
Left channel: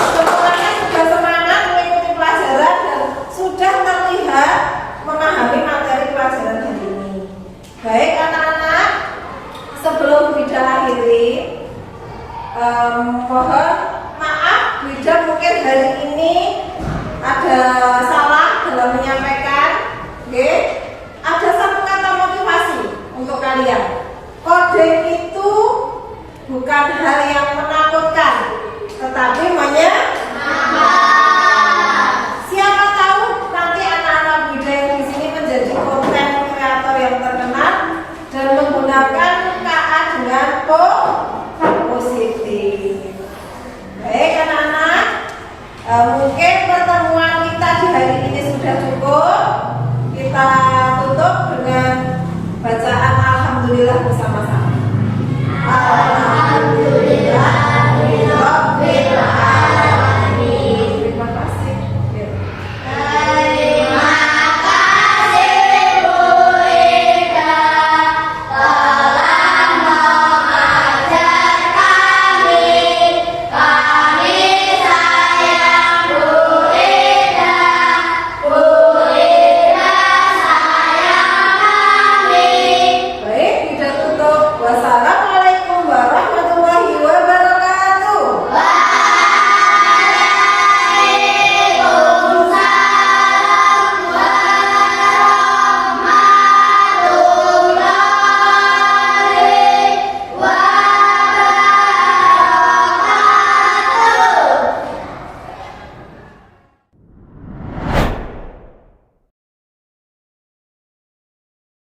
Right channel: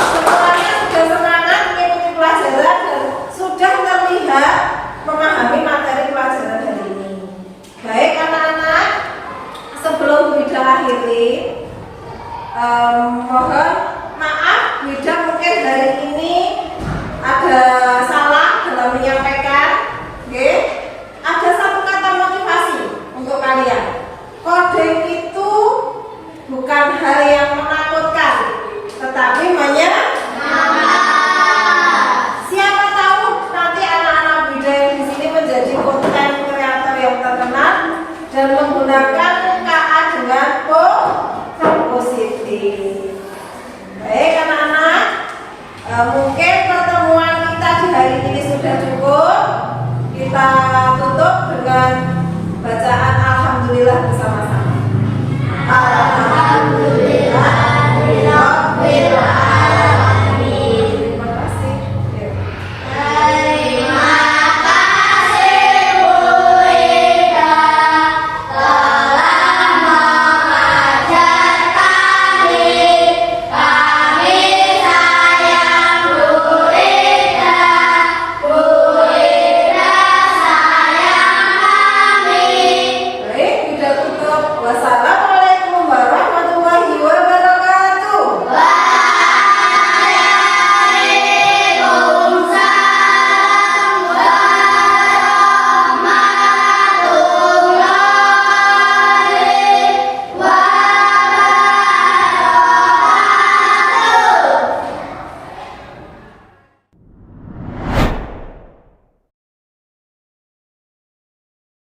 Semuanya sudah semangat mengikuti pelajaran dan sudah terlihat memahami materi pelajaran hari ini. Baik anak-anak, sebelum Bunda akhiri, mohon maaf Wida mungkin hari ini ada salah dalam menyampaikan. Oke? Ada satu kata motivasi untuk kalian. Coding itu bukan hal yang menakutkan, tetapi siapa tahu nanti anak-anak Wida yang di sini menjadi konten kreator yang terkenal dan menggunakan KA dengan positif. Baik anak-anak, mungkin pertemuan kita di hari ini sudah cukup. Kita tutup dengan bacaan Alhamdulillah bersama-sama.